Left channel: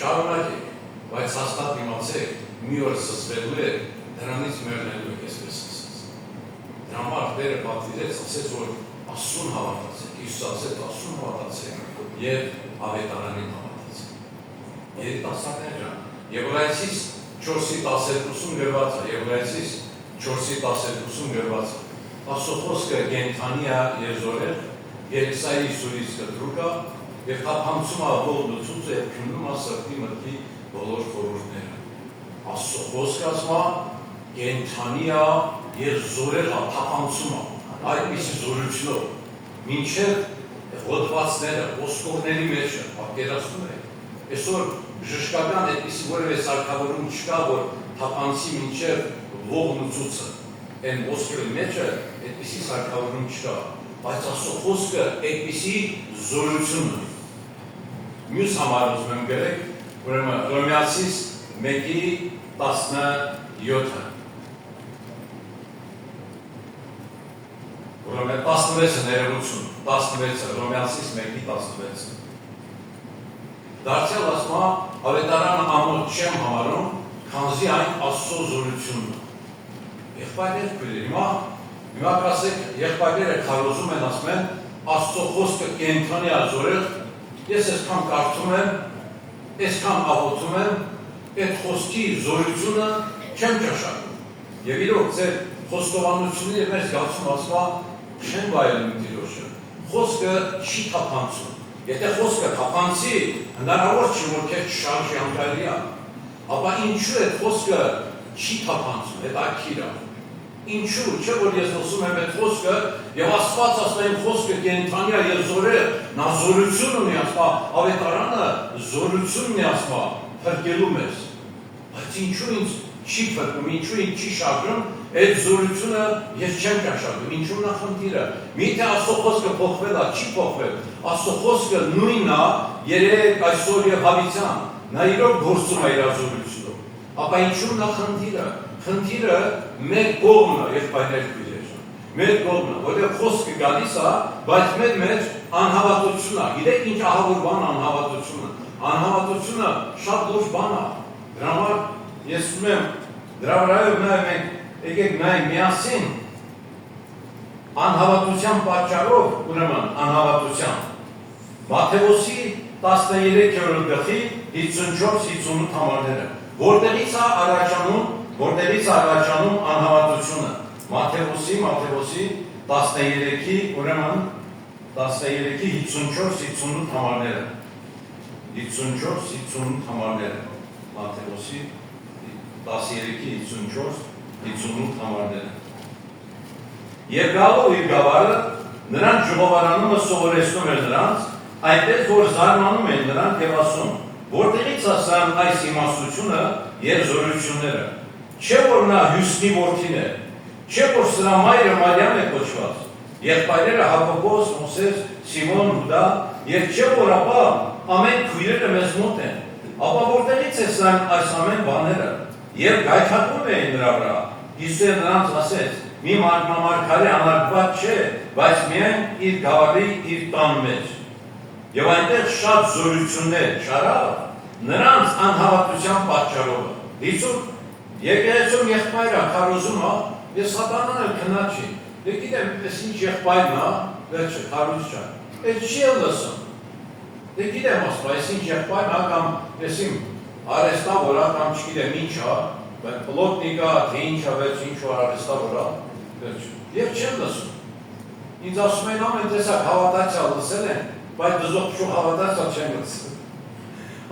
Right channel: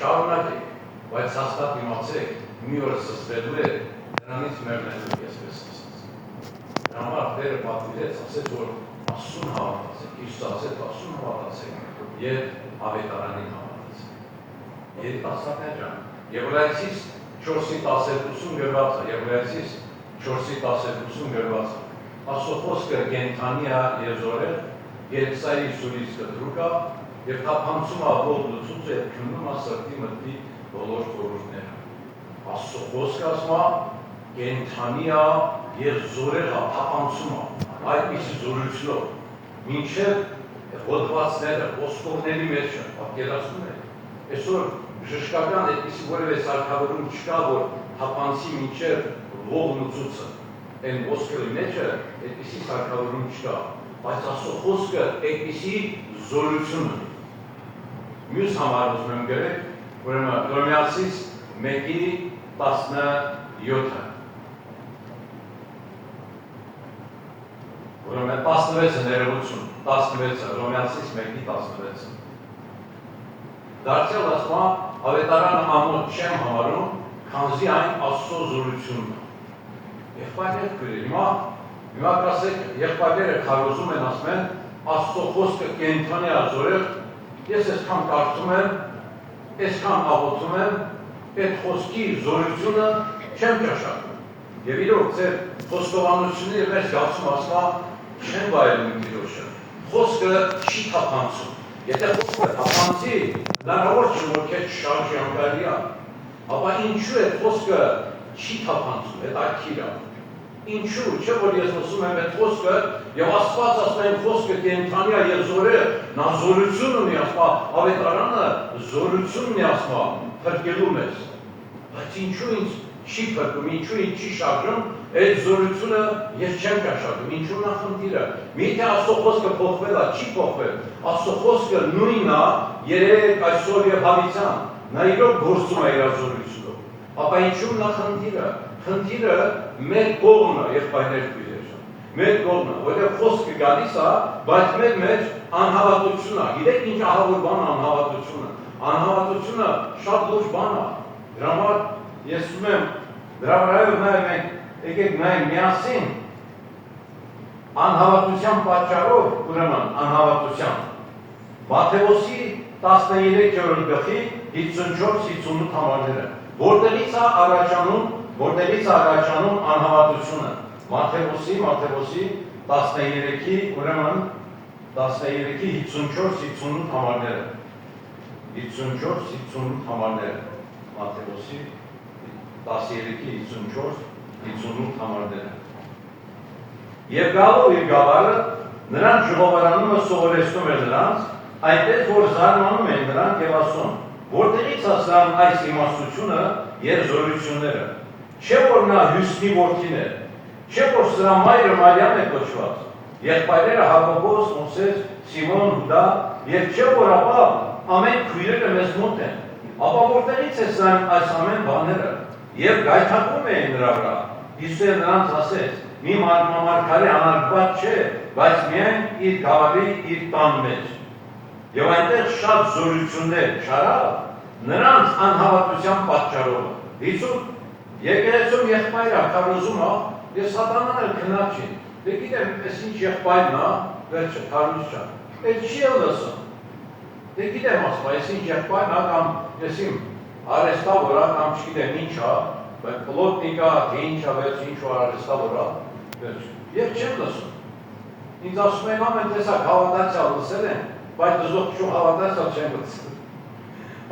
շարունակեք, բայց հաստատ իմացեք, մի օր սսվելու է, դրանից մեռնելու այսպես ասած։ Դրա համար Տերը պատվիրեց, ասեց, որ Աստծուն հավատացեք, Հիսուս ասեց, Աստծուն հավատացեք եւ ավետարանին հավատացեք։ Երիտասարդներ ջան, Եբրայեցիս 4:12 գրված է, Եբրայեցիս 4:12 գրված է։ Աստծո խոսքը կենդանի է եւ զորեղ, Եսայի սուրից կտրուկ է եւ թափանցում է ողջ լուծուցը եւ քննում է սրտի մտքի բոլոր խորհուրդները։ Աստծո խոսքը ասում է կենդանի է եւ զորեղ է, թափանցում է, այդպիսի զորությունով, մինչեւ հոդվածները, ոսկորների մեջ է, պատկերացնում եք։ Այսօր ժշկական այդպիսի որևէ սարքավորում չկա, որ թափանցի մինչև ողջ լուծուցը, այն ոսկորի մեջը այդպիսի սարքավորում չկա, բայց Աստծո խոսքը այդպիսի զորություն ունի։ Մյուս համարը ուզում եմ գրեք, ուրեմն Հռոմեացիս 1:17-ը։ Ուրեմն 16-ը ներողություն, 16-ը, Հռոմեացիս 1:16-ը։ Դարձյալ ասում է, ավետարանը ամոթ չեմ համարում, քանզի այն Աստծո զորությունն է։ Եղբայրներ քույրեր, հիմա կասեք, եղբայրները քարոզում են, ասում են, Աստծո խոսքը կենդանի է զորեղ, ես այսքան կարդում եմ, այսքան աղոթում եմ, այդ խոսքի զորությունը չեմ ճաշակում։ Եվ իրոք ձեր խոստովանությունները մեր զգացում ասում է, չեն վայելում Տիրոջը։ Խոսքը չի թափանցում։ Եթե խոսքը թափանցի, հնարավոր չի, որ քեզ շարժի անկարելի է, ապա ինչու է խոսքը չի թափանցում, հետաքրքիր է։ Ինչու, չէ՞ որ ես խոսում եմ այդ խոսքը, եւ Աստված ասում է խոսքը կենդանի է եւ զորեղ, նա զորություն ունի, ասում ավետարանը զորություն ունի, ասում փրկելու մեզ։ Բայց ինչու ինձ չի փրկում, ինչու ինձ չի շարժում, այդ զորությունը ես չեմ ճաշակում, ինչու նախնդիրը։ Միթե Աստծո խոսքը փոխվել է, չի փոխվել։ Աստծո խոսքը նույնն է երեք այսօր եւ հավիտյան։ Նա իրոք գործում է իր զորությունով։ Ապա ինչու նախնդիրը։ Խնդիրը մեր կողմն է, եղբայրներ քույրեր։ Մեր կողմն է, որտեղ խոսքը գալիս է, բայց մեր մեջ անհավատություն է։ Գիտեք ինչ ահավոր բան է անհավատությունը։ Անհավատությունը շատ լուրջ բան է։ Դրա համար ես ուզում եմ դրա վրայով նայել մենք եկեք նայենք միասին անհավատության պատճառով, ուրեմն անհավատության։ Մատթեոսի 13-րդ գլխի 54-58 համարները։ Որտեղից է առաջանում անհավատությունը։ Մատթեոսի 13-ի, ուրեմն 13-ի 54-58 համարները։ 54-58 համարները։ Մատթեոսի 13-ի 54-58 համարները։ Եվ գալով իր գավառը, նրանց ժողովարանը սովորեցնում էր նրանց, այնպես որ զարմանում են նրանք եւ ասում, որտեղից ասան այս իմաստությունը եւ զորությունները։ Չէ որ նա Հյուսնի որդին է, չէ որ սրա մայրը Մարիամ է կոչված, եղբայրերը Հակոբոս, Մովսես, Սիմոն, Հուդա, եւ չէ որ ապա ամեն քույրերը մեզ մոտ են, ապա որտեղից է սրանք այս ամեն բաները։ Եվ գայթակղում էին նրա վրա։ Հիսուսը նրանց ասեց. մի մարգարե անարգված չէ, բայց միայն իր գավառի իր տան մեջ։ Եվ այնտեղ շատ զորություններ չարավ նրանց անհավատության պատճառով։ Դիցուկ եկեղեցում եղբայրը քարոզում է, ես սատանան էլ քնաչի։ Դե գիտեմ, այս ինչ եղբայրն է, վերջը քարոզ չա։ Այդ չի էլ լսում։ Դե գիտեմ, ասում, այս ինչ եղբայրն է կամ ես իմ արեստավոր է կամ չգիտեմ ինչ է, բայց պլոտնիկ է, թե ինչ է, վերջ ինչ-որ արեստավոր է, վերջ։ Եվ չեմ լսում։ Ինձ ասում են ամեն տեսակ հավատացյալ լսել են, բայց դժոխք հավատացյալ չեն լսել։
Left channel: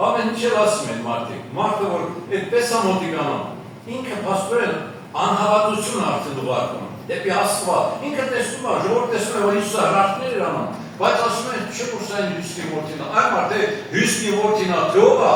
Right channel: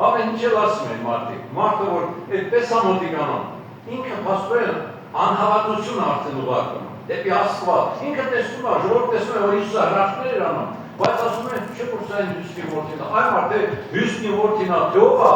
Ամեն ինչ էլ ասում են մարդիկ, մարդը որ այդպես է մոտիկանան, ինքը փաստորեն անհավատություն արդեն ուղարկում, դեպի Աստված, ինքը տեսնում է, ժողովուրդը տեսնում է, որ Հիսուսը հրաշքներ էր անում, բայց ասում են, չէ՞ որ սա Հյուսնի որդին է, այ մարդը Հյուսնի որդին է, թե ով է,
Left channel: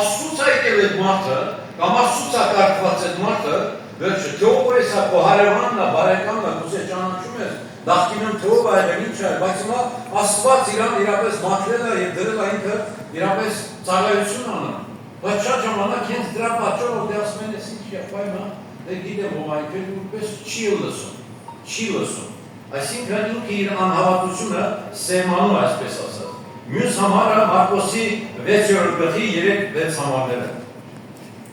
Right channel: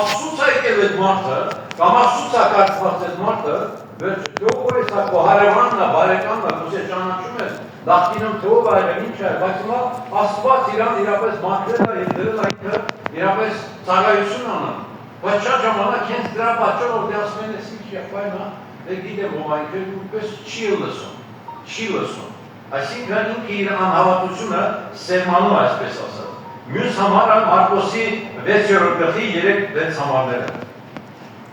Աստծուց է եկել այդ մարդը, կամ Աստծուց է կարգված այդ մարդը, վերջը, թե ով է սա քո հարևանն է, բարեկամն է, դու ճանաչում ես, նախկինում թե ով է, ինչ է, բայց հիմա Աստված իրան իրապես մաքրել է եւ դրել է ինքը իրապես ծառայություն անում, բայց շատ ժամանակ հենց դրա պատճառով դե ասում են, ես ինչ եղբայրն է, դե գիտեմ ով այնքան ուղղպես չի լսում, այսինքն ինքը իր անհավատությունը սերմանում է, այսպես ասած, Մյուս համարը Մարկոսի 6-րդ գլխի 3-6 համարները։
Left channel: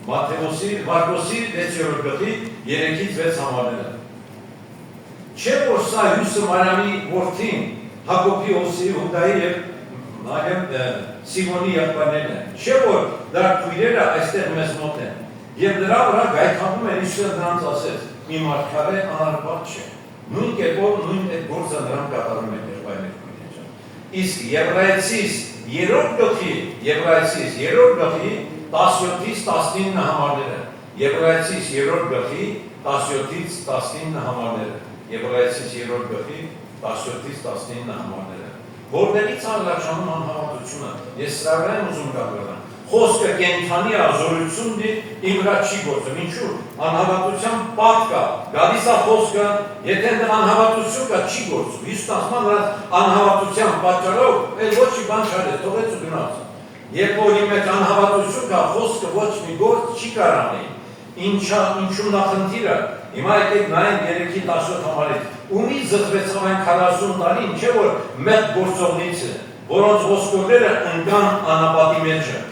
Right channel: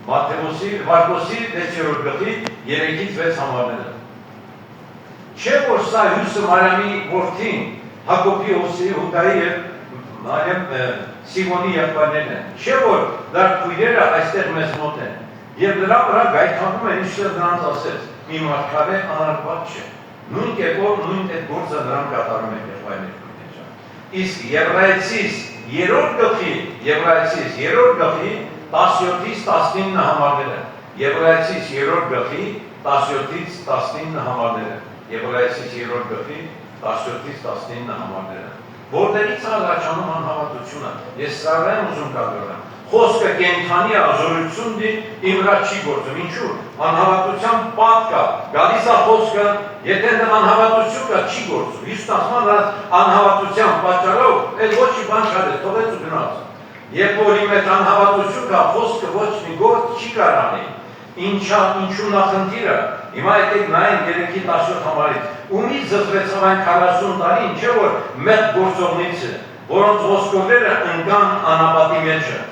Մատթեոսի 6-րդ գլխի 3-ից 6 համարները։ Չէ որ սա Հյուսը Մարիամի որդին Հակոբի Հուդայի եւ Սիմոնի եղբայրներն են։ Չէ որ դեռ քույրերը այստեղ մեզ մոտ են։ Եվ նրա վրա գայթակղում են Հիսուսը նրանց ասեց. մի մարդկավե անարբար չէ։ Նույն կերպով նույն այդ գործը նրան կատարում են եղբայրներ քույրերը։ Իսկ Եբրայեցիս 3-րդ գլխի 17-ից 19 համարները։ Եբրայեցիս 3-րդ գլխի 17-ից 19 համարները։ Եբրայեցիս 3-րդ գլխի 17-ից 19 համարները։ Որտեղից առաջանում անհավատությունը։ Ես սրա եմ ուզում կատարել։ Խոսքը կենդանի ազորություն դի իմ վրա չի գործում։ Ինչու՞։ Անհավատության պատ կա։ Գալիս է խոսքը, եթե անհավատություն կա, չի գործում։ Հիսուսն ասում է անհավատության պատճառով այդ ոչ մի բան չարեց, թողեց ու գնաց։ Երբ որ իմ մեջ անհավատություն կա, խոսքը ոչ մի գործ չի կարող անել։ Ինչու նախնդիրը։ Հիմա եկեք նայենք 3-17 համարից։ Ումից զտվեցավ այն 40 տարին, չէ որ մեծ գործողնից է, որոնց ոսկորները ընկան անապատի մեջը,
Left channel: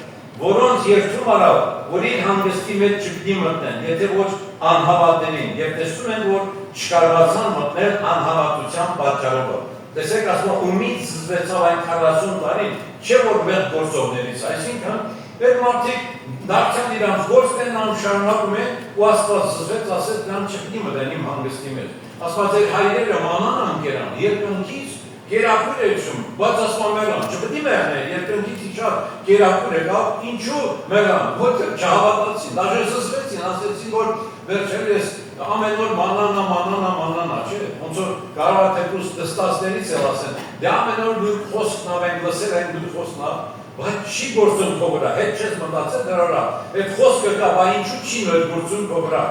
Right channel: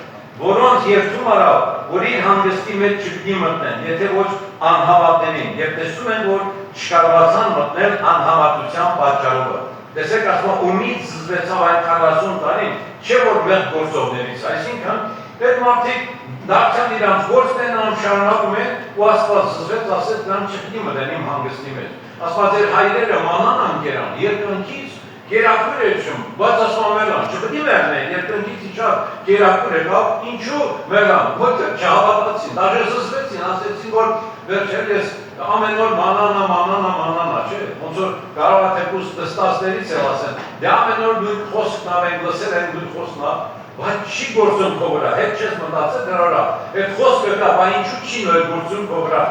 որոնց երթում արավ, որ իր հանգստի մեջ չպիտի մտնեն, եթե ոչ անհավատներին, եւ տեսնում են, որ չկարողացան մտնել անհավատության պատճառով։ Տեսեք, ասում է, ումից զտվեցավ այն 40 տարին, չէ որ մեծ գործողներից, այսինքն այդ մարդիկ դարձան իրանց գործն են, նրան շարունակում են ու Աստված զզվեց, ասեց նրան չպիտի մտեն իմ հանգստի մեջ։ Ասված էր հայրերը մանան անկերան, երկնքից կերակուր է չում, բայց ասում մերան, չպիտի մերնեն, երկնքից իչավ կերակուր է կավ, ինչու մերան, ոյթը չհավատացին, դաժե զզվեցին, ասեցին, որ վերջել ես ամեն օր մանանա, չէ, ոնց որ կարող է թեկուզ դստասներից էլ ասեն, դե ամեն օր դուք խոսքն ավենք, լսել են դուք խոսքն ավ, բայց չի գործում քո վրա, հետ չես մտածել դրա վրա, այդ խոսքը կա, բայց ինչու չի նոր գործում քո վրա։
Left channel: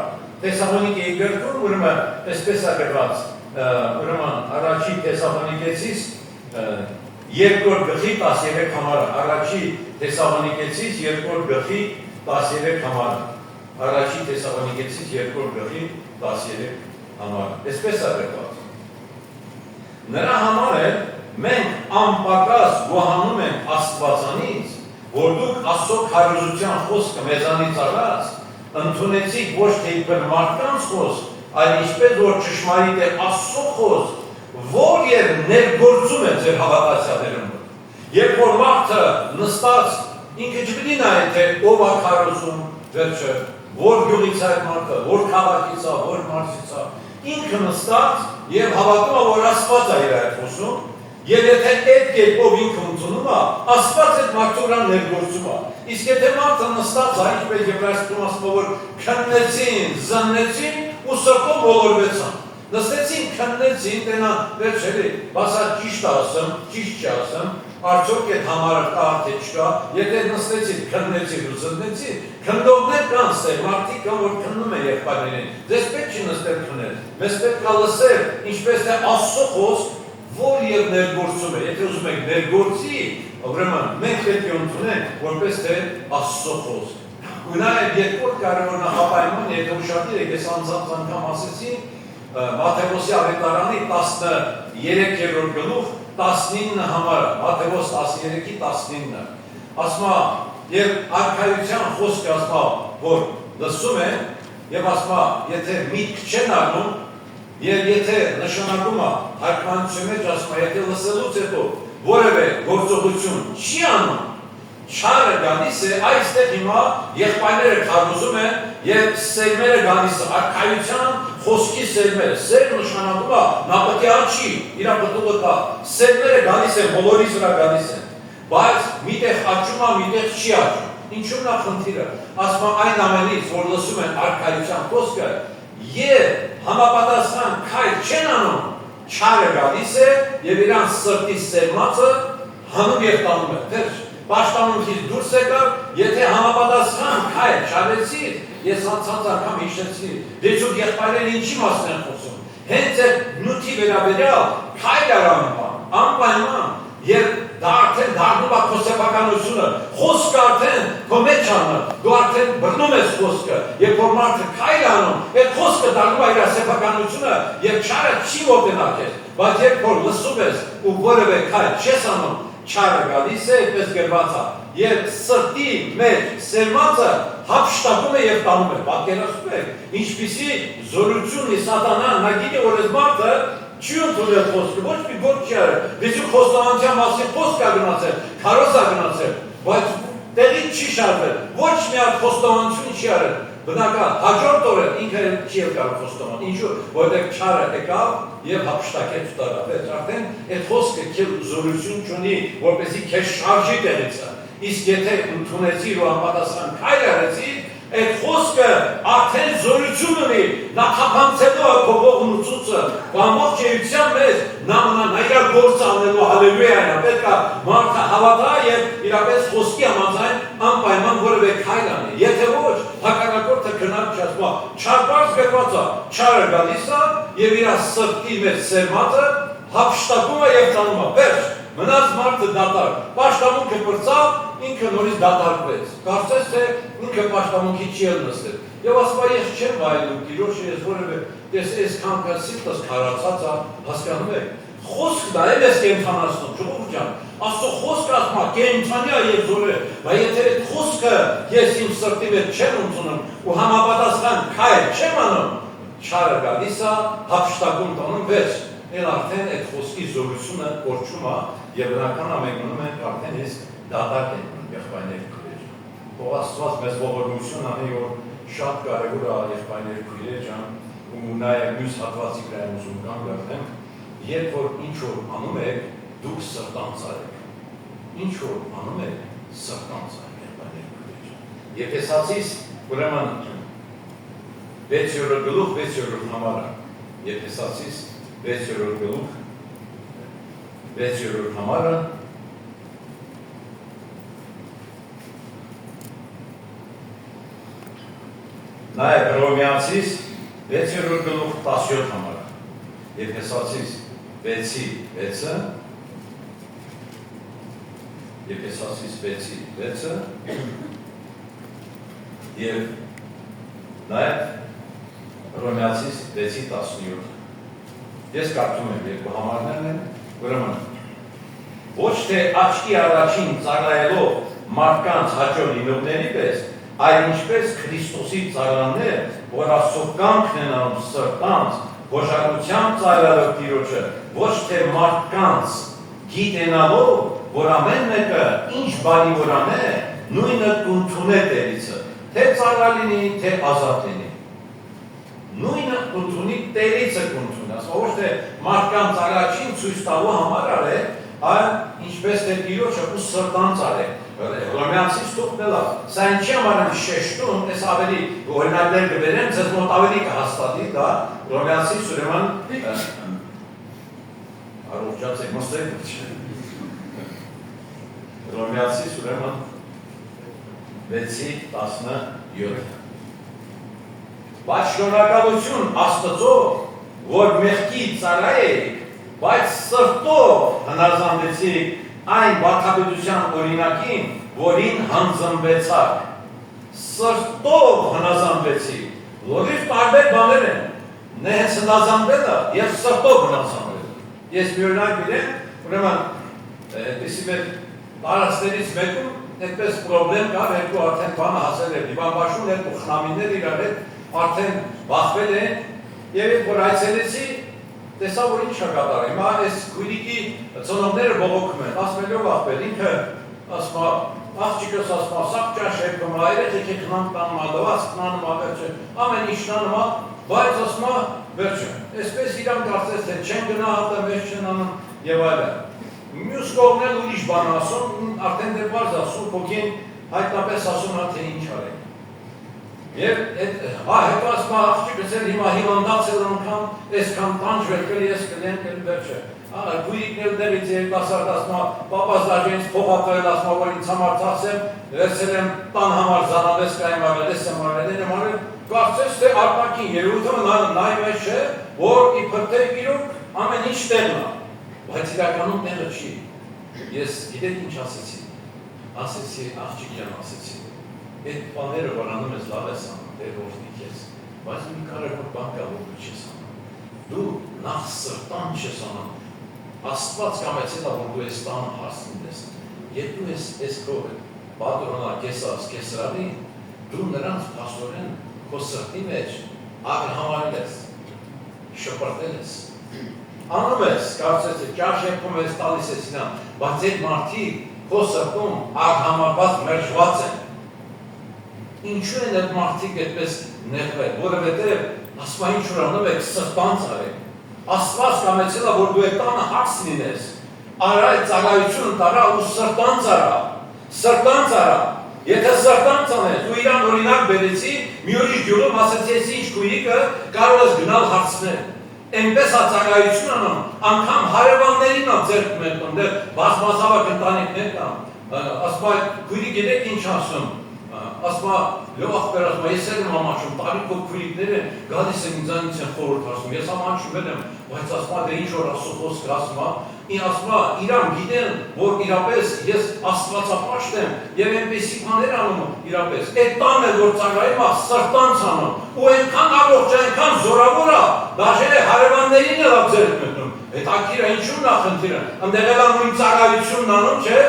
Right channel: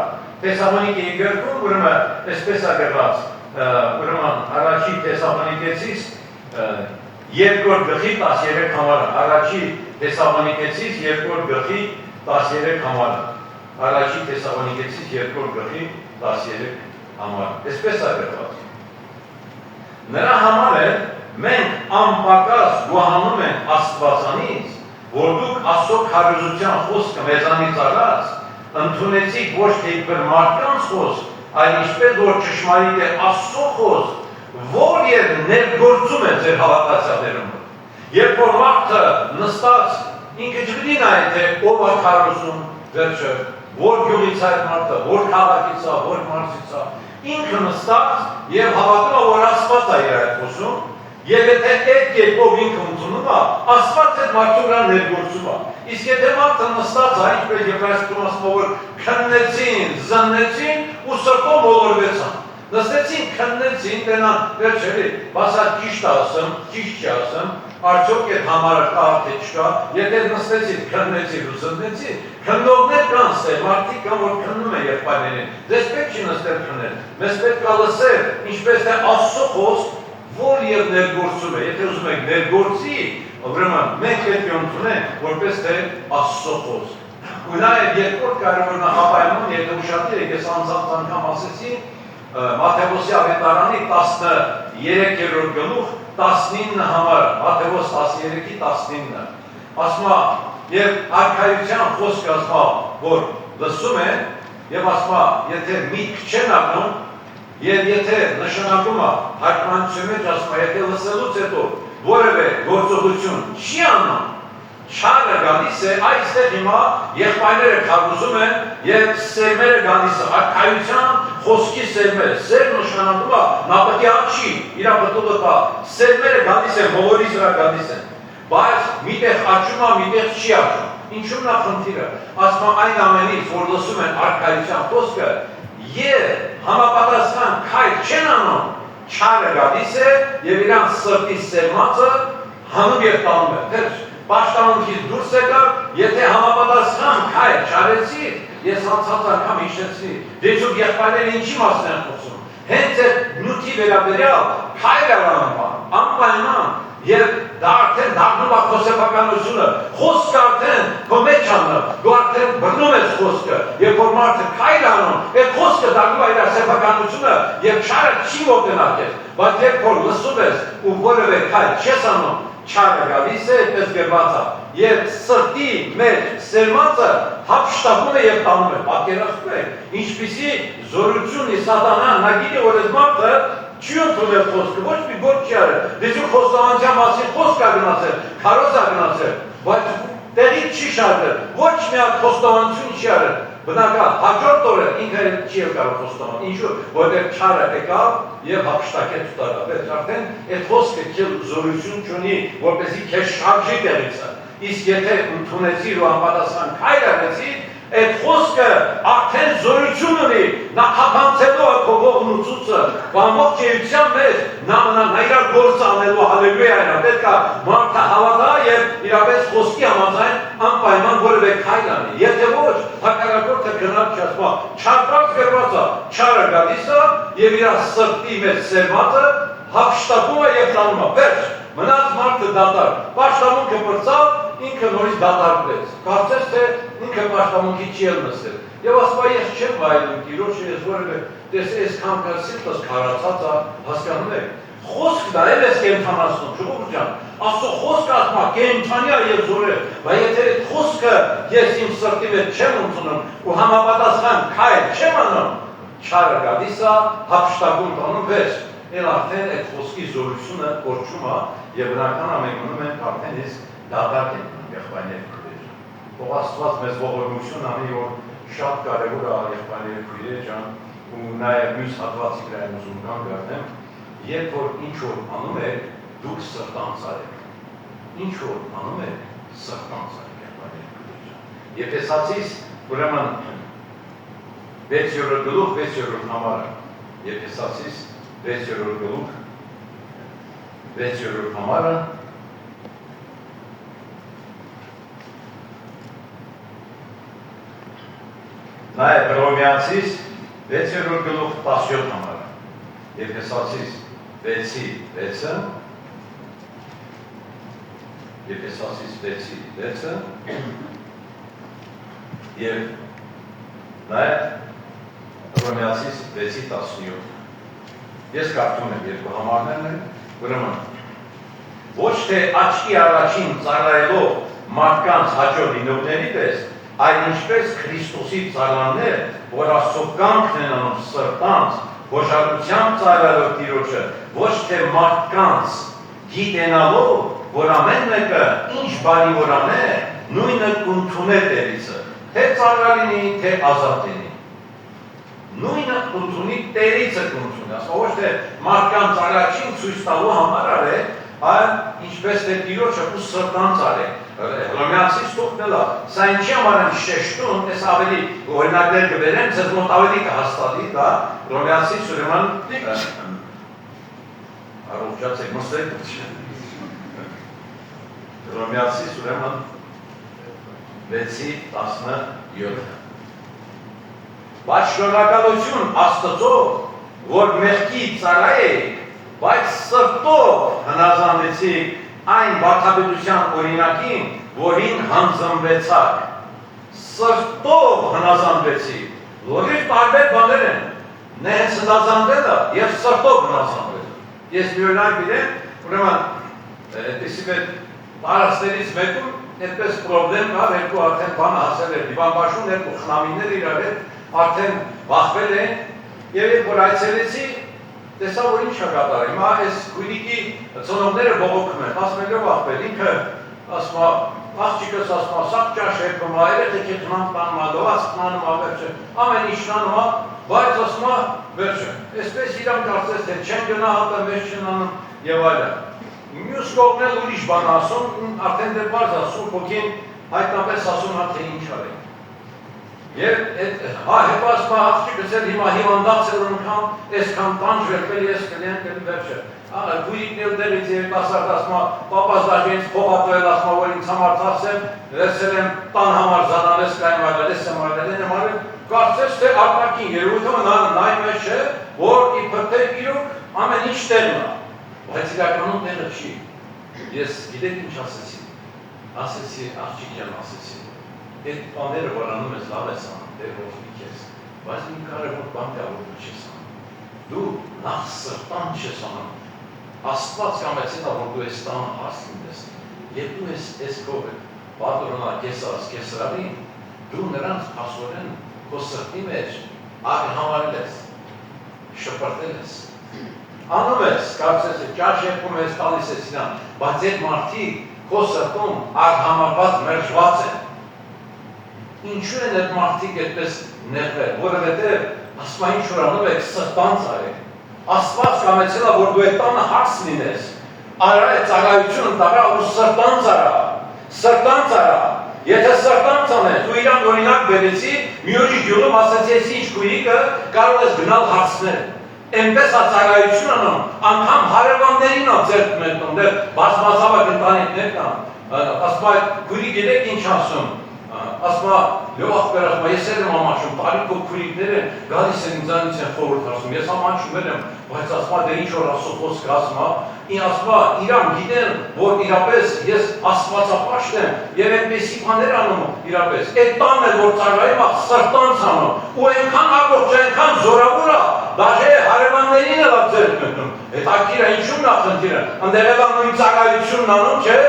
Թեսաղոնիկեի գրքում, ուրեմն, այսպես է գրված, ուրեմն առաջի Թեսաղոնիկեցիս 2-րդ գլխի 13 համարը, առաջի Թեսաղոնիկեցիս 2-րդ գլխի 13 համարը, առաջի Թեսաղոնիկեցիս 2-րդ գլխի 13 համարը, այսպես է գրված։ Նրա համար է մենք անպակաս գոհանում ենք Աստվածանից, որ դուք Աստծո քարոզության խոսքը մեզանից առած ընդունեցիք ոչ թե իբր մարդկանց խոսք, այլ ինչպես որ ճշմարիտ է Աստծո խոսք, որ եւ ներգործում է ձեր հավատացյալներում։ Երբ որ մարդը նստած ինքը չգիտի նայ թե ով է քարոզում, վերջը, որ գյուղից է մարդը, որ քաղաքից է, որ մարզից է, ինքը նստած եւ հավատում է որ Աստված է իր այդ խոսում, եւ եթե այդ կերպով ինքը ընդունում է, Աստված այդ մարդու վրա ներգործում է։ Իսկ եթե մարդը նստած է, ինչպես Եբրայեցիում ասում է, որ քննեցին, զննեցին ու սրտով ոլորվեցան։ Նստեցին, քննեցին, տենան վերջերի, բասա ճիշտ ասեմ, ճիշտ չասեմ, արդյոք այդ համարը կա թե չկա, եթե նստեցին, քննեցին ու զննեցին, քննողներ կան ստեղ, մարդիկ կան, որ քննում են եղբայրներին, ձեզ պետք չի նստել քննել, մեզ պետք է լսել, ինչպես թե Աստծո խոսք, որ եւ ներգործում է, եթե ուզում եք ներգործի, ուրեմն մենք պետք է ընդունենք, որպես թե Աստծո խոսք։ Ու նաեւ երկրորդ կարևոր նախապայման, եթե ուշադիր եք, ես անձանց անգամ ասեցի, Մատթեոսի ավետարանի 13-րդ գլուխ 19 համարը, Մատթեոս 13-ի 19-ը, ասում է, եւ արքայության խոսքը ասում է, որ լսում են, եւ ասում է, եթե միտք չեն առնում, եւ եթե նշանակում է հարկմանության մեջ ասում է, եթե լսելուց հետո որևէ գործողություն չի անում, չարը գալիս է, այստեղ հիմա եղբայրները քարոզում են եւ սերմերը գալիս է, արքայության խոսքի սերմերը, սեր նշանակում է, նա պետք է աչի, իր պտուղը կա, սերմերը գալիս են, բոլորիս վրա գալիս են, բայց միտեղ աչում է, միտեղ չի աչում, ինչու նա խնդիրը, ասում է այն ամենից, որ լսում են արքայության խոսքը, եւ համապատասխան քայլ չեն անում, չարը գալիս է եւ իրանց սրտի սերմացը հանում եւ տանում է, թեժ պաշտամունքից դուրս եկավ, եթե համապատասխան քայլ չարեցի, ես անցած անգամ հիշեցի, դեչուկ եղբայրները ինչի մասն են խոսում, հենց այդ նյութի վերաբերյալ քայլ անպայման եւ դա արդեն դառնում է քո սեփականությունը, խոսքը արդեն քո մեջ անում, դու արդեն բռնում ես խոսքը, երբ որ մարդը քայլ անում, այդ խոսքը դառնում է իր սեփականությունը եւ չարը չի մոտենա քեզ, բայց երբ որ լսում ես ու որևէ քայլ չես անում, չարը գալիս է, այդպես գրված է, եւ սրտի մեջ սերմացը հափշտակում է եւ տանում է, պատկերացնում եք, ինչպիսի զորություն է սատանան, նա գիտի, որ այս մարդը չի ընդունել խոսքը, ոչ մի գործ չի արել, դեսու խոստովանության մասին խոսք է գնացել, քարոզ է գնացել, բայց տեղից չի շարվել, ոչ մի հատ խոստովանություն չի արել, բնական, հաջորդ օրը ինքը չի եկավ խոստովան, ինչու, որտեղ չարը եկավ եւ հափշտակեց տարավ, այդ արդեն այդ խոսքը քիչ զորություն չունի, որպեսզի քեզ շարժի տեղից, իսկ եթե ընդունեցիր ու անպատասխան քայլ արեցիր, այդ խոսքը արդեն զորություն ունի, նա թափանցելու է քո ողնուցուցը, ամբողջ էության մեջ նա իր գործը անելու, հալելույա է, պետք է մարդը հավատա եւ իրապես խոսքի համաձայն անպայման որևէ քայլ անի, եթե ոչ, հակառակորդը գնաց չասма, չարբարձ գրված է, չարը գալիս է եւ իր սրտի մեջ սերմացը հափշտակում է եւ տանում է, վերջ, մնաց մարդը դատար, պաշտամունքը պրծավ, ինքը նորից դատարկվեց, կարծես թե ինքը պաշտամունքի չի էլ նստել, եւ ասում ես չեմ վայելում տիրոջը, ես որևէ տեսե այսքան կասիտս քարացած է, հասկանում եք, խոսքն է, էլ ես կենթանացնում, ժողովուրդ ջան, Աստծո խոսքը ասում է կենթանյա եւ զորը, բայց եթե այդ խոսքը ես իմ սրտի մեջ չեմ ընդունում ու համապատասխան քայլ չեմ անում, չարը գալիս է, հափշտակում տանում վեց, էլ արդեն այդ խոսքի զորությունը կորչում է եւ բնական ամենունում են արդեն ես դատարկ են եղբայրները քույրեր։ Թող Աստված մեզ ողորմություն անի, որ շատ կարևոր է եղբայրները քույրեր ջան, ու նաեւ մյուս հատվածի վրա ուզում կամ գտնեմ, երբ որ ինչ որ անում եք, դուք սրտանց արեք։ Ինչ որ անում եք, սրտանց արեք եղբայրները քույրեր ջան։ Եփեսացիս ուրեմն 6-րդ գլուխ 6-րդ համարը։ Եփեսացիս 6-րդ գլուխ 6-րդ համարը Նաև Հռոմեացիս 6-րդ գլուխ 17 համարը, Եփեսացիս 6-ի 6-ը, Եփեսացիս 6-ի 6-ը, և նաև Հռոմեացիս 6-ի 17։ Ես կարդում եմ երկու համարներն են, ուրեմն ոչ թե աչքի առաջին ծառայելով մարդկանց հաջող լինողների պես, այլ ինչպես Քրիստոսի ծառաներ, որ Աստծո կամքն են անում սրտանց, հոժարությամբ ծառայելով Տիրոջը, ոչ թե մարդկանց գիտենալով, որ ամեն մեկը ինչ բարի որ անե, նույնը կընդունե Տերիցը, թե ծառա լինի, թե ազատ լինի։ Նույնը կընդունի Տերիցը կընդունի, ոչ թե մարդկանց առաջին ցույց տալու համար արել, այլ ինչպես թե Տիրոջը ու սրտանց արել։ Հռոմեացիս թողնել է, սա ինչի համար եմ շեշտում, ես ավելի օրինակներ կբերեմ, ձեզ մոտ ավելի կհաստատի, դա Հռոմեացիս ուրեմն առողջացեք մստեք, Հռոմեացիս ուրեմն 6-ի 17։ Բայց շնորհակալություն Աստծո, որ մեղքի ծառա եք, բայց սրտով հնազանդեցիք այն վարդապետության օրինակին, որին հանձնվեցաք, սրտով հնազանդվեցիք, լորիվ տարբեր բաներ են, նե հենց հնազանդվելը և սրտով հնազանդվելը։ Ես մի օրինակ բերեմ, ուրեմն, այդպիսի մեր տարածքներից մեկում այդպես պրոբլեմ կար, երկու արդեն բանը հասել էր դիվանբաշուն, երկու խնամիներ իրար հետ արդեն բախվել են, և երբ որ այցելեցի, տեսա, որ ինչ է կատարել, հիմա այս քույրիկի ծնողները բողոքում են, ասմելով աղբեր, ինքը ասմա, աղջիկս ասմա, սաղ ճաշ երկում, երեխեքի խնամ տանում, լոված խնանում, վերջը, ամեն ինչ տանում, բայց ասմա, վերջը, այսպես իրան կարծես, թե չեն գնա հատը, մեզ չեն անում և այլը։ Մյուս կողմն էլ ուրիշ բան ասում, արդեն դեր բարձ ասում, փոքին հայտնապես ասում հա, թե ինչ արեք։ Եվ հետո ասում աղջիկս էլ հիմա հիվանդած էր անգամ, այսքան տանջվել ես կլեն կլի վերջը։ Քույրիկն էլ դերից երիտասարդ ասում պապաս դաժինց փոխապել ասում որ ինձ համար ծախսեմ, վերցել եմ տան համար զանավես կայմ արել, ես եմ արել, կարծես թե արտաքին երևույթը նայում է չէ, որ իբր թե իրոք ամեն ինչ տեղն է, բայց իրականում տեղը չի։ Ես գիտեք ինչ ասեցի, աղջիկյան ասեցի, այդ բաները որ անում ես լավ ես անում, դեր որդի քեզ, բայց մի կարևոր բան կա որ դու չես անում։ Դու նախ սրտան չես անում, Աստված կամեցել է, որ դու ես տանը հարց լինես, երբ դու ես քո պատրոնա կեսարանի, դու նրանց փաստորեն քո սրտի մեջ համարել ես, շպրտել ես, անում ես, կարծես ճաշ եկում ես, տալիս ես իրան, բայց այդ մարդիկ քո սրտում արհամարված մերժված են։ Ինչու են այդ մարդիկ այդպես նեղվել, որովհետև ասում ինչ որ անում եք սրտանց արեք։ Աստված կամեցել է, որ դու այդ տանը հարց լինես, արա այդ ծառայությունը տարա ու սրտանց արա, սրտանց արա։ Եթե սրտանց անես, դու իրան օրինակ բերեցի, մի ուրիշ գյուղում ասացի, ես ինչ քույրիկը կարող ես գնալ հարցնել։ Այնպես է ծառայություն անում, անգամ հարևաններին ա ձեռք մեկնում, դեռ բազմազավակ ընտանիքներ կան, ասում քույրիկ եք ինչ ասում, ասում լավ ախպեր, ես էլ եմ ամաչում, տարիքով քույրիկները գալիս են ինձանից են խորհուրդ ասում, ես ամաչում եմ, բայց ասում դե ինչ որ ասում խոսք ասում, ասում իրան գիտեն, որ իրապես ես աստվածապաշտ եմ եւ այնպեսի բաներ անում իրապես, այդ տան էլ որ ծառայում է սրտանց անում, ու այնքան առողջ, այնքան զորավոր է, դաժե հարևաններին էլ ձեռք մտնում, հետաքրքիր է ինչու՞մն է խնդիրը, ընդեղ էլ նույն ծառայությունն անում, չէ,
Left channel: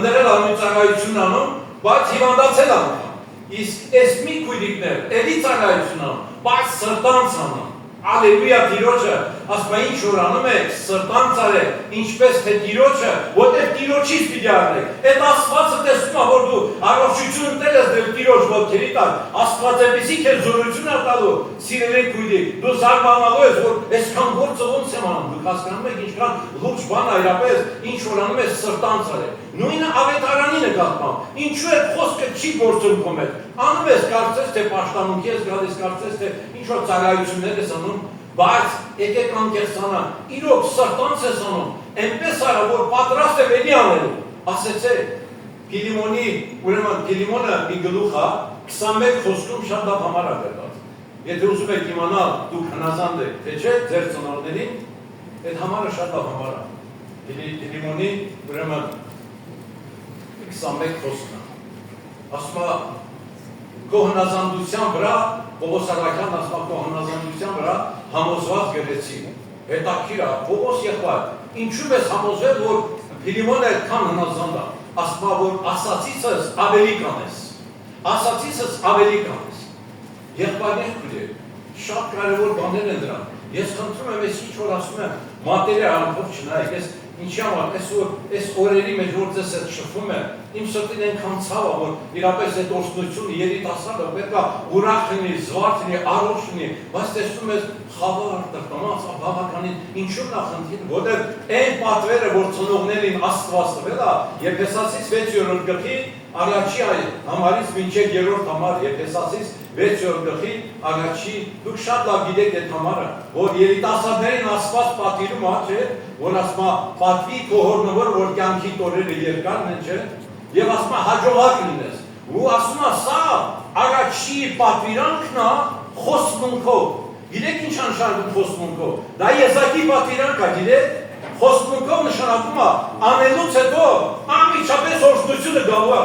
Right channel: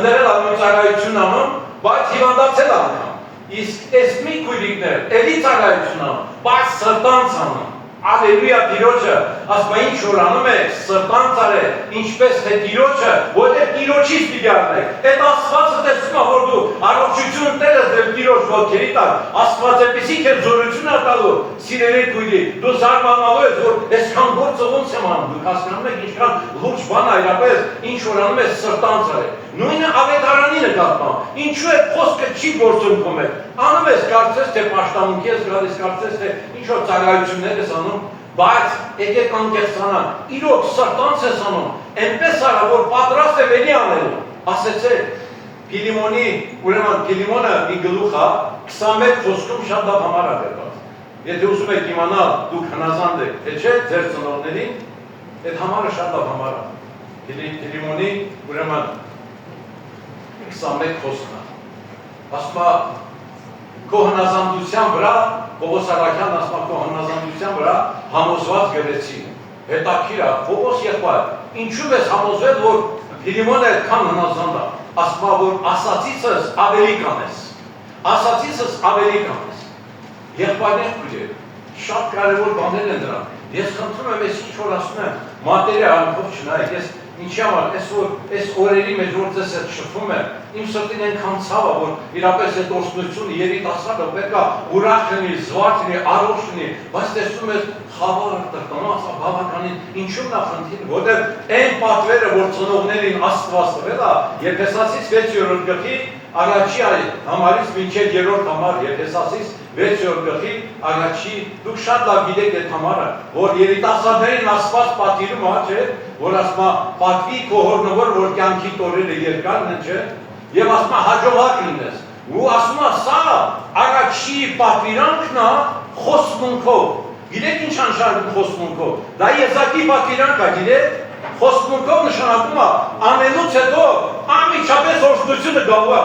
ընդեղ էլ նույն ծառայությունն անում, բայց հիվանդացել անգամ, իսկ այս մի քույրիկներ էլի ծառայություն անում, բայց սրտանց անում, Ալելույա Տիրոջը, ասում ինչ որ անում եք, սրտանց արեք, ինչպես թե Տիրոջը, որտեղ Տիրոջից պիտի առնեք։ Այդ Աստվածը տեսնում է, որ դու առողջություն տել ես դեպի Տիրոջ ոտքերի տակ, Աստված այնպեսի քեզ զորություն է տալու, սիրելի քույրիկ, դու զարմանալու ես, որ այսքան գործը ոնց եմ անում, դուք հասկանում եք ինչքան լուրջ բան է իրապես, ինչ որ անում ես սրտանց արեք։ Նույնը ավետարանի նկատմամբ, ինչու է խոսքը չի գործում քո մեջ, անում ես կարծես թե պաշտամունքի ես գալիս, կարծես թե ինչ որ ծառայություններ ես անում, բայց եկեք անկեղծանանք, իրոք սրտանց ես անում, այնպես արա, որ պատրաստ եմ էլի անելու, ասեցեք, Փիլիմոնի, ուրեմն Փիլիմոնը մի գլուխ է, 21 խոսքում շատ լավ համար է գրված, եթե ուզում եք իմանալ, դուք հնազանդ եք, թե չէ, ձեր ծնողներին, այդ համարը շատ լավ համար է, Փիլիմոնի, ուրեմն 21 խոսքն է, ասում է, քո հնազանդության վրա, Պողոս Արաքյանն ասում է քո հնազանդության վրա համոզված գրեցի, հետաքրքիր է, Պողոս եղբայր, ինչու ես համոզվել, որ Փիլիմոնը այդքան հնազանդ է, ասում է, որ ասացիցս ավելի կանես, ասացիցս ավելի կանես, եղբայրներ քույրեր, շատ կարևոր բաներ են դրան, ես խնդրում եմ, ես ինչ որ ասում եմ, մատերիալով չնայեք, ես ինչի համար, այս օրերի մեջ որ ձեզ հետ շփվում եմ, իմ սրտին այնքան ցավ է, որ իրապես այդ օրհնությունը երիտասարդը պետք է ուրախ լինի, զվարթ լինի, առողջ լինի, բայց տեսնում ես խավարը տրտմած, բավականին ինչու՞ նա խնդիրը, որտեղ այն պատվերը, որ ծնողներին Աստված տվել է, Եփեսացիս 6-րդ գլխի առաջի համարից մինչև 3-րդ համար, Եփեսացիս 6-րդ գլխի առաջի, դուք շատ լավ գիտեք այդ համարը, որ երիտասարդներին Աստված պատիվում է, չէ, որ ասում է պատվի քո հորնավոր, որ կյանքի տորերը երկարն են, չէ, եւ ասում է հաջողակ լինես, ու ասում է սա առաջի պատվիրանքն է խոստմունքով, գիտեք ինչ նշանակում խոստմունքով, դա Եզակի պատվիրանք է, գիտեք, խոստմունքով նշանակում է անելուց հետո անմիջապես օրհնությունը գալու է,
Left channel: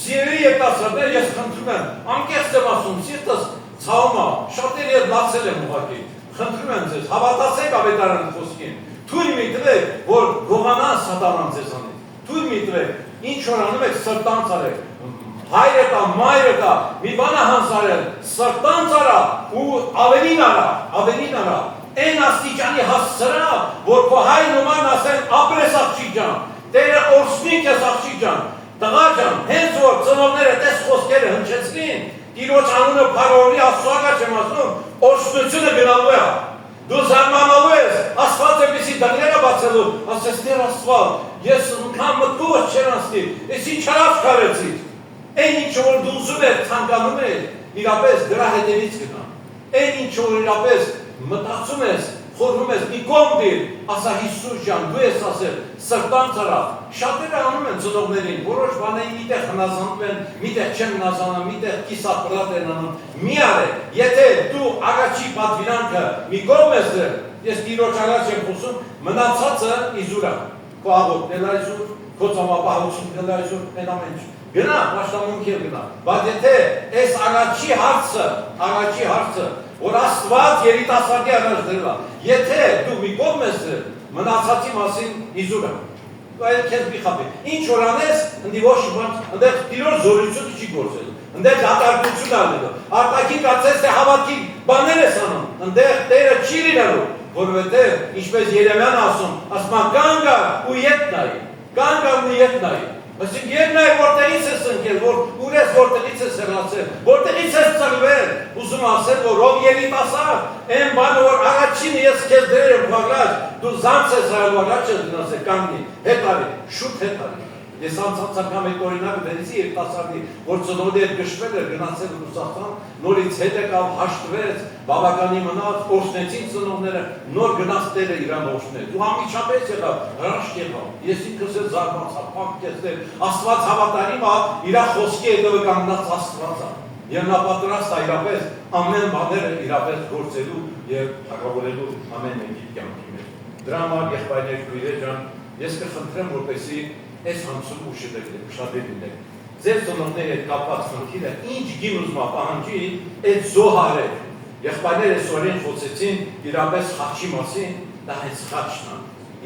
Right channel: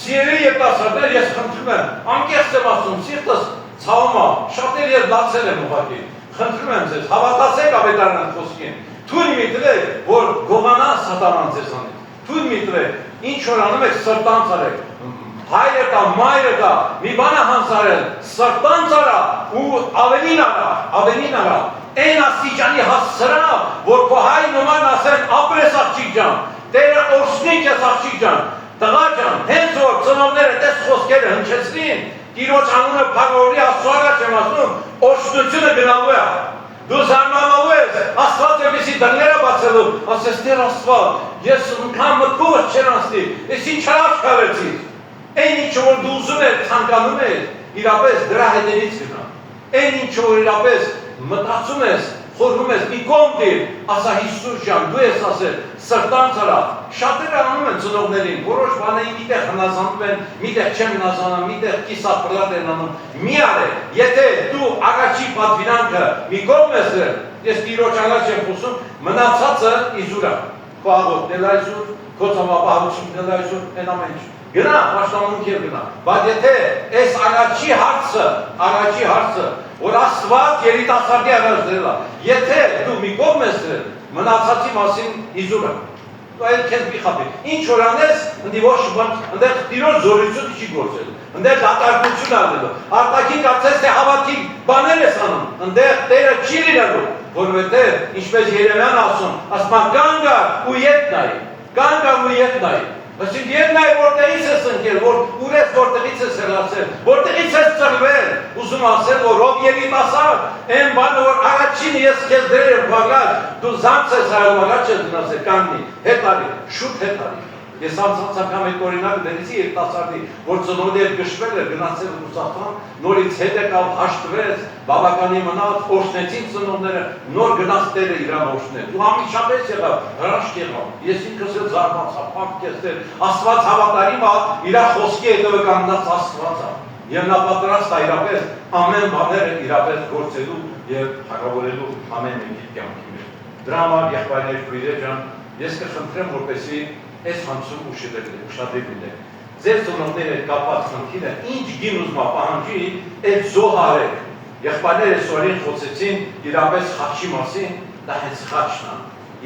սիրելի երիտասարդներ, ես խնդրում եմ, անկեղծ եմ ասում, սիրտս ցավում է, շատերը ես լացել եմ ուղղակի, խնդրում եմ ձեզ, հավատացեք ավետարանի խոսքին, թույլ մի տվեք, որ գողանա սատանան ձեզանից, թույլ մի տվեք, ինչ որ անում եք սրտանց արեք, հայրը կա, մայրը կա, մի բան է հանձարել, սրտանց արա ու ավելին արա, այն աստիճանի հասցրա, որ քո հայրն ու մայրն ասեն ապրես աղջիկ ջան, Տերը օրհնի քեզ աղջիկ ջան, տղա ջան, հենց որ ծնողները տես խոսքերը հնչեցրին, Տիրոջ անունը փառավորի Աստծո առաջ եմ ասում, օրհնությունը գնալու է։ Դու զարմանալու ես, Աստված էպիսի դռները բացելու, ասես Տեր Աստված, ես անգամ մտքովս չեր անցնի, ես ինչ հրաշք արեցի։ Այն ինչ որ դու ուզում ես, ցանկանում ես, իրապես դրա հետևից գնա։ Այն ինչ որ իրապես մտածում ես, խորհում ես, մի կողմ դիր, ասա Հիսուս ջան, դու ես ասել, սրտանց արա, շատերը անում են ծնողներին, որոշ բաների միտեղ հնազանդում են, միտեղ չեն հնազանում, միտեղ կիսապրատ են անում, մի արեք, եթե դու առաջի պատվիրանքը մի կողմ ես դրել, ես Տիրոջ առաջ եմ խոսում, մնացածը իզուր է, քո աղոթքն էլ այսօր, քո ծավալությունն էլ այսօր, այն ամեն ինչ, Գնա, պաշտամունքի գնա։ Բայց եթե այս առաջի հարցը, որ Աստված երիտասարդի առաջ դրել է, եթե դու մի կողմ ես դրել, մնացածի մասին իզուր է։ Այդ քեզ մի խաբի։ Ինչ որ անես, ընդի ոչ բան, ընդեղ տիրոջ զորությունը չի գործել։ Ընդեղ դատարկություն արվելու։ Արտաքին կարծես թե հավատքի բաներ ես անում։ Ընդեղ Տերը չի լինելու, որովհետև ինչպես Երեմիան ասում, կանգ ու ետ նայի։ Կանգ ու ետ նայի։ Այսինքն ետ նայի որտեղից ես ընկել, ուր ես որտեղից ես հեռացել, որտեղից ես ծնվել, ուզում ասել, որ ով երիտասարդ, այն բանը որ առաջին ես քեզ դրել եմ բաղաջ, դու զանց ես հայել առաջ ես գնացել, կանգնի, հետ արի, շուտ հետ արի։ Ես անցած անգամ այդ օրինակը դերեցի երիտասարդի, որ ծնողների հետ գշվել էր, գնացել Ռուսաստան, նորից հետ եկավ, հաշտվեց, բավականի մնաց, օշնեցին ծնողները, նոր գնաց Տերը իրան օշնել։ Ու ամիջապես եղավ, հրաշք եղավ։ Ես ինքս էլ զարմացա, փակեցել, Աստված հավատարիմ է, իր խոսքի հետևը կանգնած Աստված է։ Եվ նա պատրաստ է իրապես ամեն բաները իրապես գործելու եւ հաղավորելու ամեն մեկի կյանքի մեջ։ Դրա համար եղբայրներ քույրեր ջան, ես կխնդրեմ, որպեսզի այս հանցում ուշադրեք լինեք։ Ձեր ծնողների հետ կապված խնդիրը ինչ գին ուզում պահանջի, այդ զոհարեք։ Եղբայրները այսօրին խոսեցին իրապես խաչի մասին, դա հենց խաչն է։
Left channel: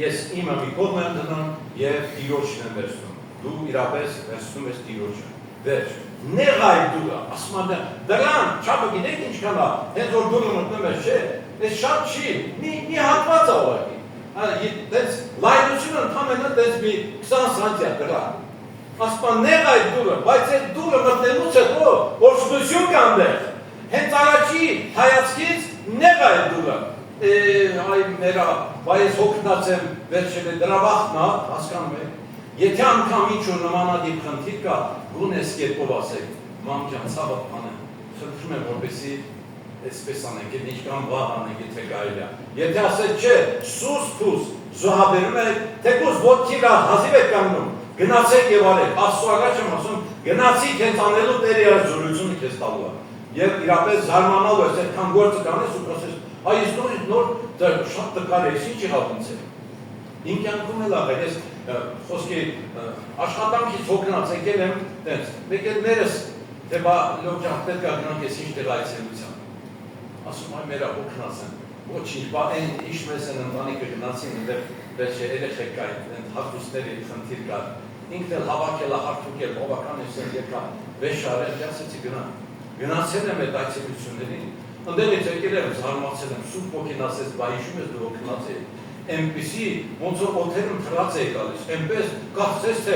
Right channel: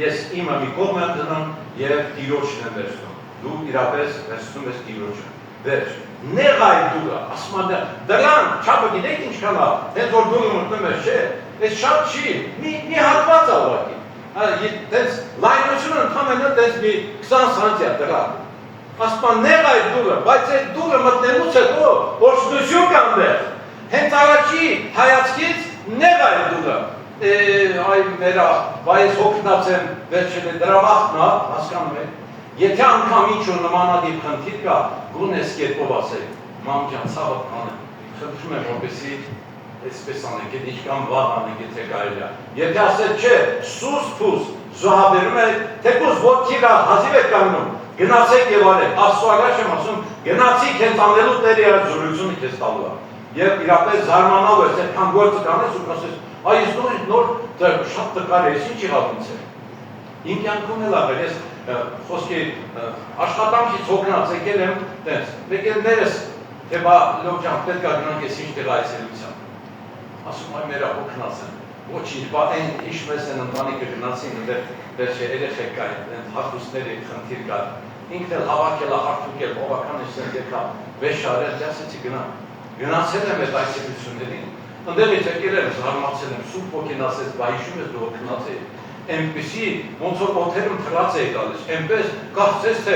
Ես իմը մի կողմ եմ դնում եւ Տիրոջն եմ վերցնում։ Դու իրապես վերցնում ես Տիրոջը։ Վերջ։ Նեղայ դուրը, ասում եմ, դրան, չափը գիտեք ինչքան է, հենց որ դուրը մտնում ես, չէ, այս շատ չի, մի հատված է ուղղակի։ Դες լայնությունը ընդհանրապես դες մի 20 սանտիա դրան։ Ասում նեղ այդ դուրը, բայց այդ դուրը մտնելուց հետո օշնություն կա այնտեղ։ Հենց առաջի հայացքից նեղ այդ դուրը։ Այ մերա, բայց հոգնած եմ, վերջել է դրա վախն է, հասկանում եք։ Եթե անգամ ինչ-որ նմանատիպ խնդիր կա, գունես կերպով ասեք, մամ ջան, ցավդ անեմ, խնդրում եմ, որպեսզի այսպես անենք, եթե ինչքան վաղ անենք, եթե կարելի է։ Եթե ասել չէ, սուս փուս, զոհաբերում եք, թեկուզ ոտքի հազիվ եք կանգնում, գնացեք եւ արեք։ Աստծո առաջ եմ ասում, գնացիք հենց անելու Տերը իր զորությունը քեզ տալու է։ Եվ իրապես զարմանալու ես, այդքան գործը կանես ու ասես, այ ես նոր շատ տկար ես, ինչ եղավ ինձ հետ։ Իմ կյանքում էլ աղել, ես խոսքի աշխատանքից հոգնած եկել եմ, տենց, եկել ներս, թե բա լոք ջան, պետք է գնանք ես ինչ տեղ այցելության։ Ասում այ մերա հոգնած են, ոչինչ, բա այն ինչ մեզ են ընտանիքը գնացին, վերջ երեխեք կային, հարտուսների խնդիր կար, ինքն էլ հավաքել, հարթուկել, բավական ես եկա, վեշ արել, դասեցի գնացել եմ այդ այցելություններին, ընդեղից եկել եմ, զարմացել եմ, սուրբ ոգին ասեց, բա հիշում ես դու հոգնած էի, այնպիսի ոնց որ օթերում թրած էի գալիս, այնպես կարծես թե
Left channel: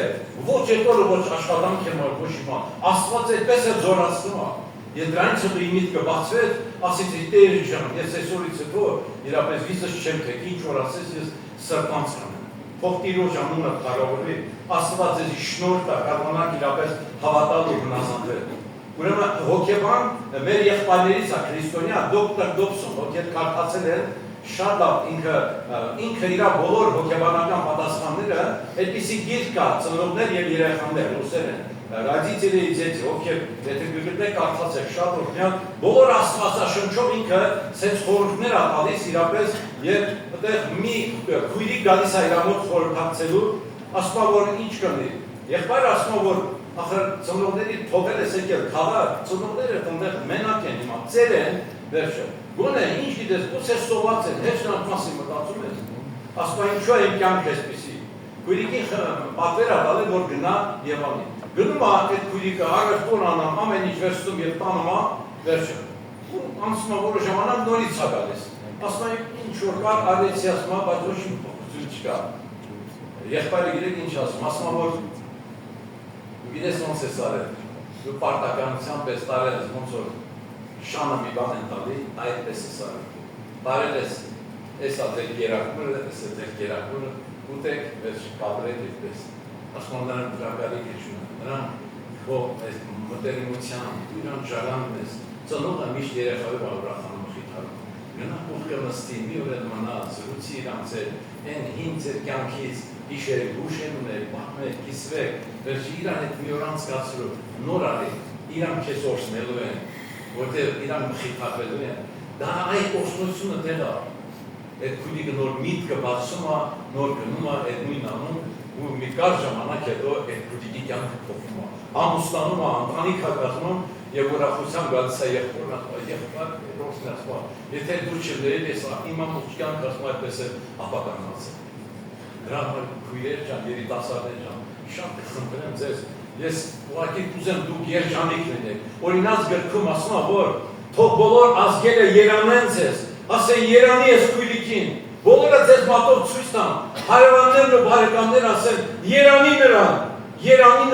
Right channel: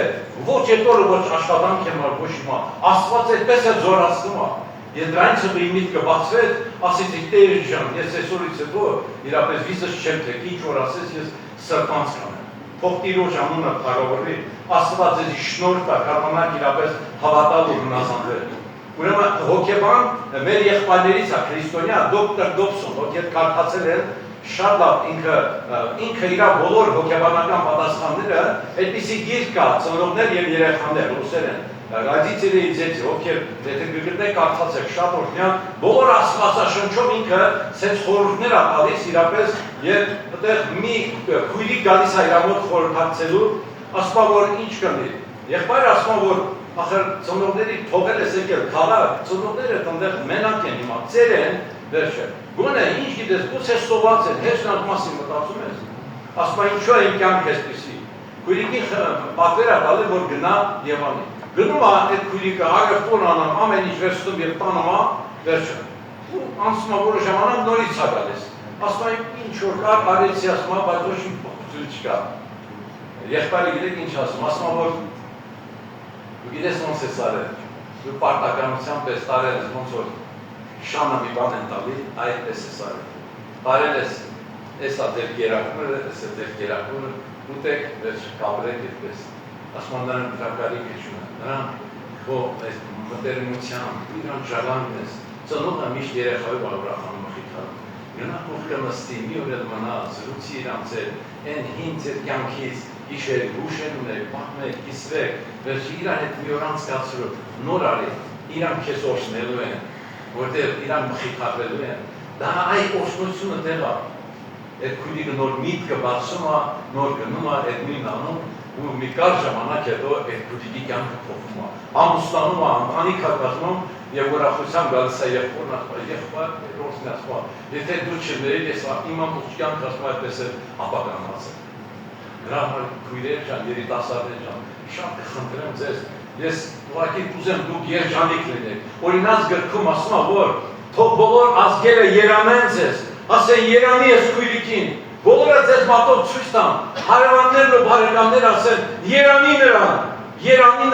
ոչ այդ օրը ոչ աշխատանք եմ ոչ հիմա, Աստված այդպես է զորացնում է։ Ես դրանից հետո իմ միտքը բացվեց, ասեցի Տեր ջան, ես այսօրից հետո իրապես վիզս չեմ թեք, ինչ որ ասես ես սրտանց կանեմ։ Թող Տիրոջ անունը փառավորվի, Աստված ձեզ շնորհ տա, կարողանաք իրապես հավատալ ու հնազանդվել։ Ուրեմն հոգեբան մեր եղբայրներից է քրիստոնյա դոկտոր Դոբսոն, ովքեր կարդացել են շատ լավ ինքը իր բոլոր հոգեբանական պատասխանները այդպիսի գիրք կա ծնողներ եւ երեխաներ ռուսերեն ռադիցիլի ձեթի ովքեր եթե գտնեք կարդացեք շատ օրհնյալ բոլոր աստվածաշնչով ինքը սենց խորհուրդներ է տալիս իրապես եւ այդտեղ մի քույրի գալիս է իր մոտ խորհրդակցելու ասում որ ինչ կնի եղբայրը ասում որ ախր ծնողների թողել ես եկել քաղաք ծնողները այդտեղ մենակ են հիմա ծեր են վերջը գոնե ինչ գիտես ո՞ց է սոված են հեչ նրանք մասին մտածում ես ասում ինչու է իմ կյանքը այսպեսի քույրիկին պատվեր է տալի որ գնա եւ անի գնում է այդ քույրիկը աղերտուն անում ամեն ինչ վերցնում եւ տանում է վերջը ու անցնում է որը ժամանակ նորից է գալիս ասում է ինչ որ կար արեցի ասում է բայց ոչ մի փոխություն չկա եղբայրը գիտեք ինչ ասում որ դու գիտես ոնց ես արել դու պարտականության պես տարել ես ոնց որ շանը մի բան են տալի, այդպես ես արել։ Տարել ես, ես ատեր գերակները, ես ատեր գերակները, ուտեք, վերջ կաբրեք այդպես։ Ասում նրան դրակարի գեչում են, նրան այս մտերմության, իրան ժալանն ես, ծնողը միշտ երեխայով աղրախանում մխիթարում։ Նրանք ով կնստի, մի օր էլ մնա, զրուցի իրանց էլ, են հին ձեր կյանքից, իշեր, հուշեն ունեք, պահմեք, կիսվեք, վերջ իրան հետ մի օր անցկացրու, նոր արի, իրան քեզ օշնելու են, որտեղ իրան մխիթարվելու են, դա այդ օշնությունը տեղ է, այդ քույրիկը նոր միտքը բացում է, նոր գնում է, այդ նույն անում, ու մի կար ժամանակ հետո այդ բուտիկի կյանքը փոխվում է, ամուսնանում է, ընտանիք է կազմում եւ ուրախությամբ գալիս է եղբայր ռոսն ասում, եթե դու չներիր, ես իմ ամբողջ կյանքը ասում այդպես է ապականացել։ Դրա համար քույրեր ջան, երիտասարդներ ջան, շատ կխնդրեմ ձեզ, ես ուղղակի կուզեմ դուք երջանիկ լինեք։ Օրինակ գրքում ասում է, որ թող բոլոր ազգերը երանեն ձեզ, ասեն երանի ես քույրիկին, բոլորը ձեզ մատով ցույց տան, հարևաններն ու բարեկամներ ասեն երանի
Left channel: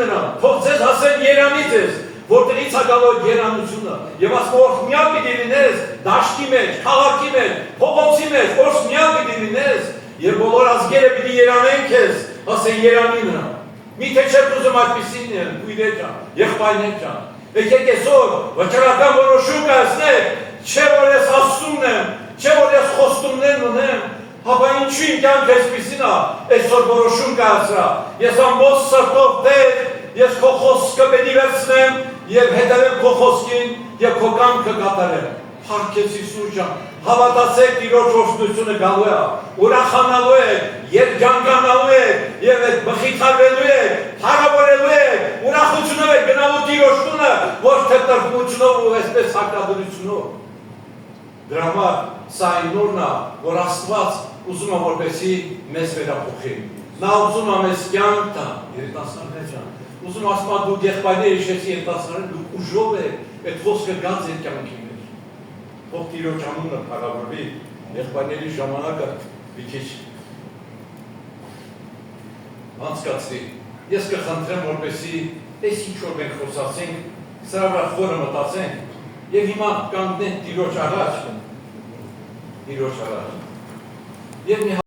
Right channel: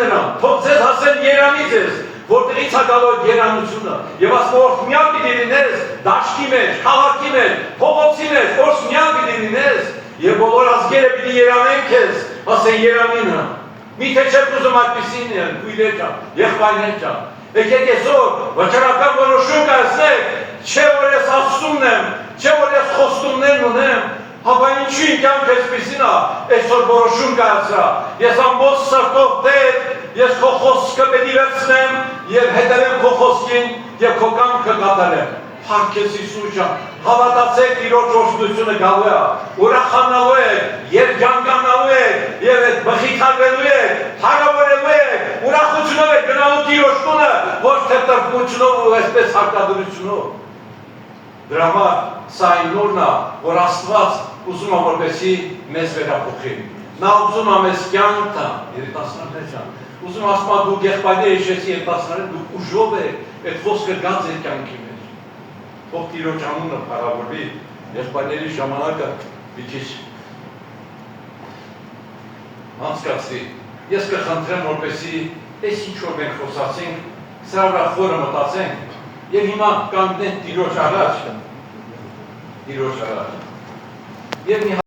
նրան, թող ձեզ ասեն երանի ձեզ, որտեղից է գալու երանությունը, եւ ասում օրհնյալ պիտի լինես դաշտի մեջ, քաղաքի մեջ, փողոցի մեջ, օրհնյալ պիտի լինես, եւ բոլոր ազգերը պիտի երանեն քեզ, ասեն երանի նրան։ Միթե չեք ուզում այդպեսին քույրեր ջան, եղբայրներ ջան, եկեք այսօր վճռական որոշում կայացնեք, չէ որ ես ասումն եմ, չէ որ ես խոստումներն ունեմ, հապա ինչու իմ կյանքը այսպեսին է, այսօր որոշում կայացրա, ես ամբողջ սրտով Տեր, ես քո խոսքը պետք է վերցնեմ եւ հետևեմ քո խոսքին եւ քո կամքը կատարեմ։ Փառքես Հիսուս ջան, հավատացեք Տիրոջ օրհնությունը գալու է, ուրախանալու է, երջանկանալու է եւ այդ մխիթարվելու է, հարավարելու է, ուրախությունով է գնալու Տիրոջ տունը, ոչ թե տրտմությունով ու այսպես հարկադրությունով։ Դրա համար սա այն օրն է, որ Աստված ուզում է որպեսզի մեզ վերափոխի։ Նա ուզում է մեզ կյանք տա, երիտասարդներ ջան, ուզում ասում է դուք եղբայրներ հիշեցի երիտասարդներ, դուք ուժով եք, այդ խոսքը գած այդ կյանքի մեջ։ Թող Տիրոջ անունը փառավորվի, եղբայրների ժամանակը մի քիչ անցկացրի։ Ես կխնդրեմ, որպեսզի այս ինչ որ մենք խոսացինք, սրա վրա խորը մտածենք եւ հիմա կանգնենք Տիրոջ առաջ։ Եւ մի